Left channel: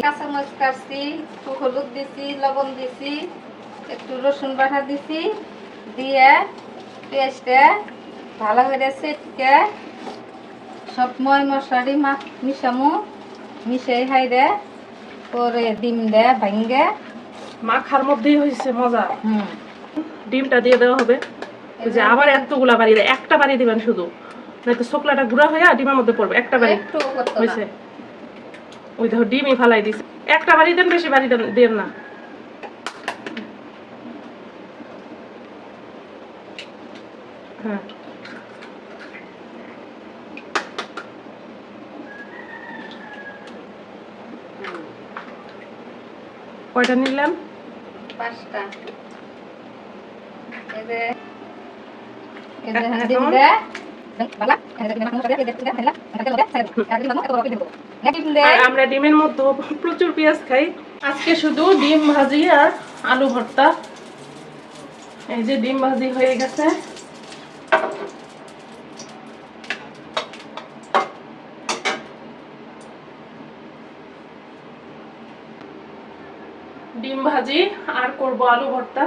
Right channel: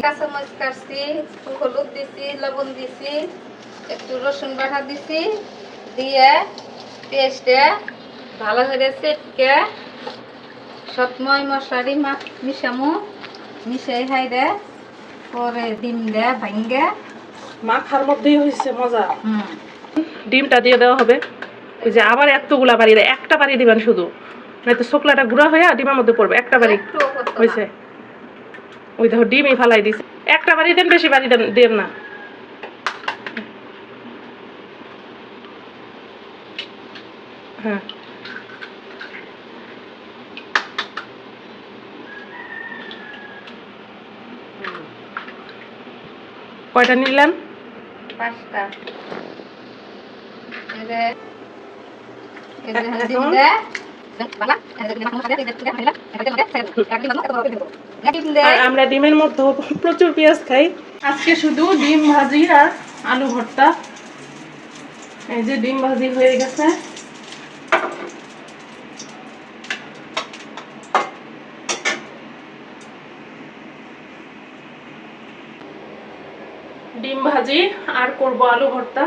কাঁচামরিচ কাটছি, হলুদ দিছি, লবণ দিছি, একটু রসুন বাটা দিছি, দিয়ে পেস্টে ভালো করে চেটকে সব ময় মশলারি মিশামু, মিশাই হাইরে পরে ডিম দে ভাঙ্গে মাখার মধ্যেই হয়েছে মজা। ডিমটা দিয়ে দেওয়া হবে। ওই যে আবার এতগুলা বাড়ি দেয়, একটা বাড়ি দিবেন শুধু, নয়তো শুকলাটা গুঁড়া হয়ে ডিমের মধ্যে পড়বে। একটা বাড়ি হয়েছে, ওই দেখো ডিমই ফালাই দিছে। একটা বাড়ি দেন, বেশি বাড়ি দেন না। হ্যাঁ, কয়টা নিলেন? 5টা। আমরা ডিমের মধ্যে প্রচুর পেঁয়াজ খাই। আজকে শুধু ডিম ভাজি আর আলু ভর্তা। এই যে ডিম ভাজি হয়ে গেছে। ডিম ভাজি আর করব আলু ভর্তা।